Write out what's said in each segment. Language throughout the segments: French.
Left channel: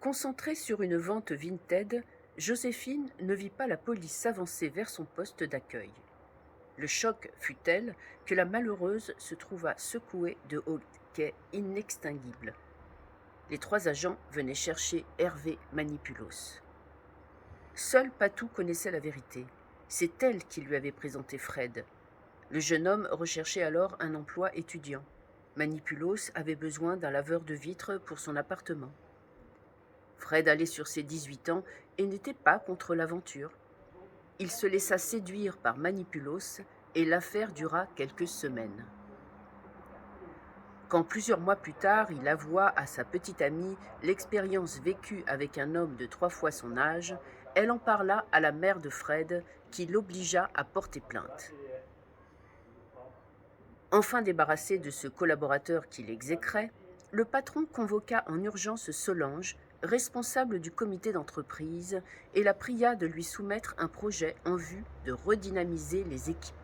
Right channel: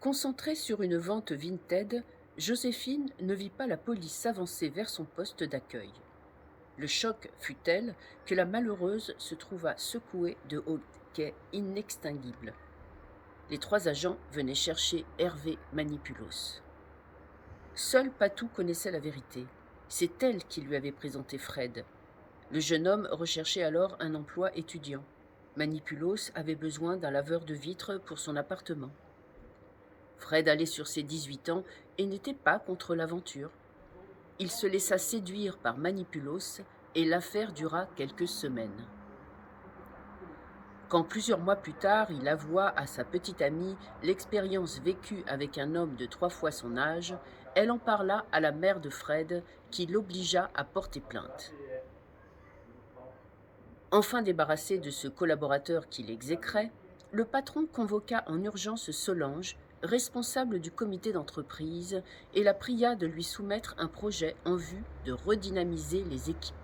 Concentrée sur une vente Vinted, Joséphine ne vit pas la police s'avancer vers son poste d'accueil. Le choc fut tel que la malheureuse se trouva secouée de hoquets inextinguibles. Les trois agents venaient chercher Hervé Manipulos. Seul Patou connaissait la vérité. C'est elle qui lui avait présenté Fred. Le jeune homme recherchait alors un emploi étudiant. Manipulos avait besoin d'un laveur de vitres pour son appartement. Fred allait sur ses 18 ans et n'était pas contre l'aventure. Il se laissa séduire par Manipulos et l'affaire dura quelques semaines. Quand plusieurs mois plus tard, il avoua à sa petite amie l'expérience vécue avec un homme de 3 fois son âge, elle en parla à la mère de Fred qui l'obligea à porter plainte. Enfin débarrassé de ce collaborateur qui l'exécrait, le patron convoqua en urgence Solange, responsable du comité d'entreprise, et la pria de lui soumettre un projet en vue de redynamiser les équipes.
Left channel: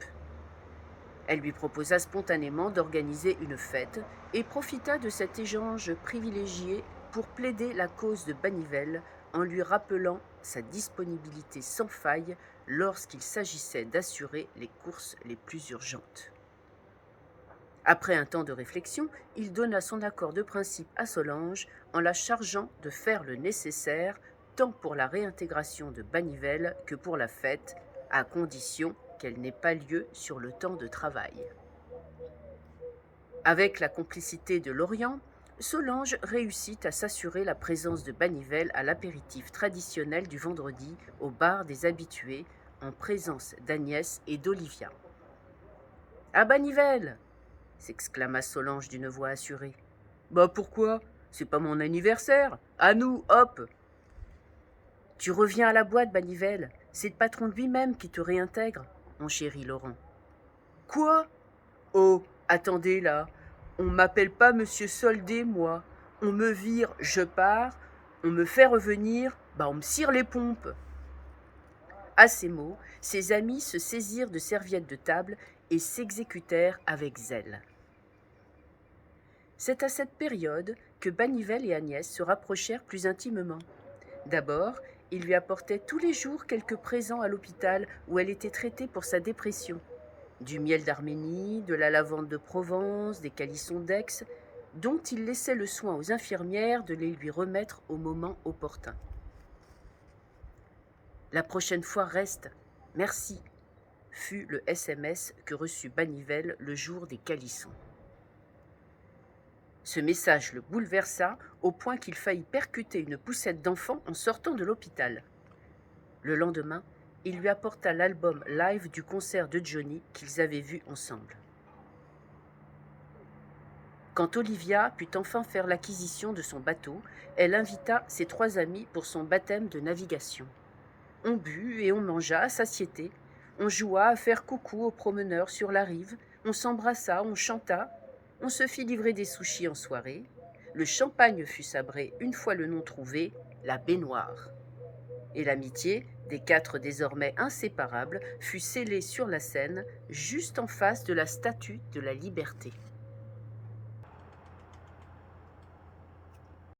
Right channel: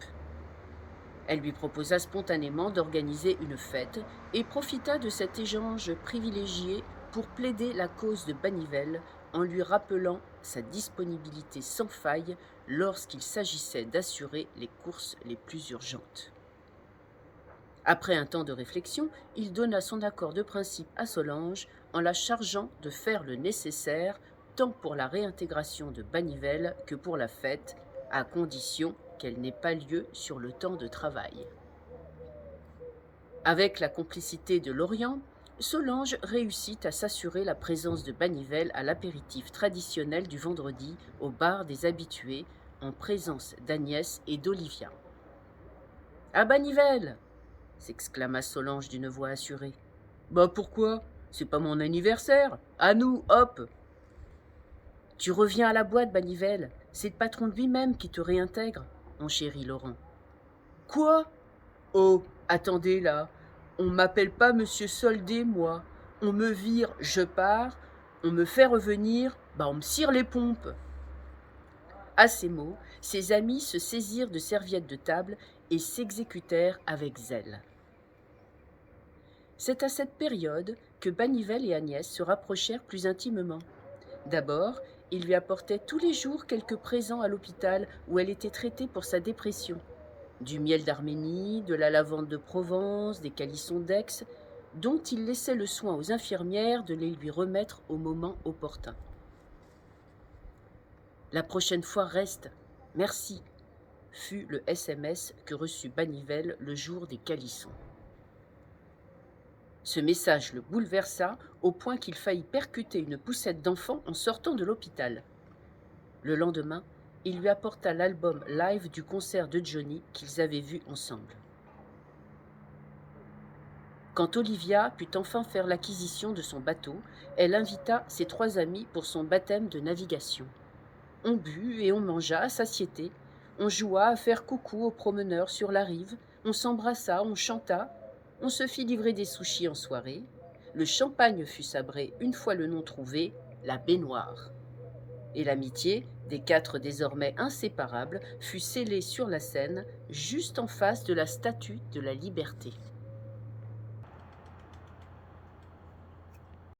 Elle lui proposa spontanément d'organiser une fête et profita de cet échange privilégié pour plaider la cause de Banivelle en lui rappelant sa disponibilité sans faille lorsqu'il s'agissait d'assurer les courses les plus urgentes. Après un temps de réflexion, il donna son accord de principe à Solange en la chargeant de faire le nécessaire tant pour la réintégration de Banivelle que pour la fête, à condition qu'elle n'ait pas lieu sur le temps de travail. Avec la complicité de Lorient, Solange réussit à s'assurer la présence de Banivelle à l'apéritif traditionnel du vendredi au bar des habitués, en présence d'Agnès et d'Olivia. « À Banivelle !» s'exclama Solange d'une voix assurée. « Bah pourquoi? C'est pas mon anniversaire. À nous, hop !»« Tu reviens à la boîte, Banivelle. C'est le patron lui-même qui te réintègre, mon chéri Laurent. »« Quoi? Oh, attendez là. On m'appelle pas Monsieur Soldé, moi. On me vire, je pars. On me fait revenir, bah on me cire les pompes. » À ces mots, ses amis se saisirent de serviettes de table et s'exécutèrent avec zèle. C'est à cette période que Banivelle et Agnès se rapprochèrent plus intimement. D'abord, il lui apportait tous les jours quelques présents à l'hôpital où elle était traitée pour sa dépression. Du miel d'Arménie, de la lavande de Provence, des calissons d'Aix, dont il laissait le soin aux infirmières de les lui remettre au moment opportun. « La prochaine fois reste, merci », fut le SMS que reçut Banivelle le jour des calissons. Ce message le bouleversa au point qu'il faillit percuter une poussette d'enfant en sortant de l'hôpital. Le lendemain, il lui apporta l'album live du concert de Johnny qu'ils avaient vu ensemble. Quand Olivia put enfin faire l'acquisition de son bateau, elle invita ses 3 amis pour son baptême de navigation. On but et on mangea à satiété, on joua à faire coucou aux promeneurs sur la rive, on s'embrassa, on chanta, on se fit livrer des sushis en soirée, le champagne fut sabré une fois le nom trouvé, la baignoire. Et l'amitié, des 4 désormais inséparables, fut scellée sur la scène, juste en face de la Statue de la Liberté.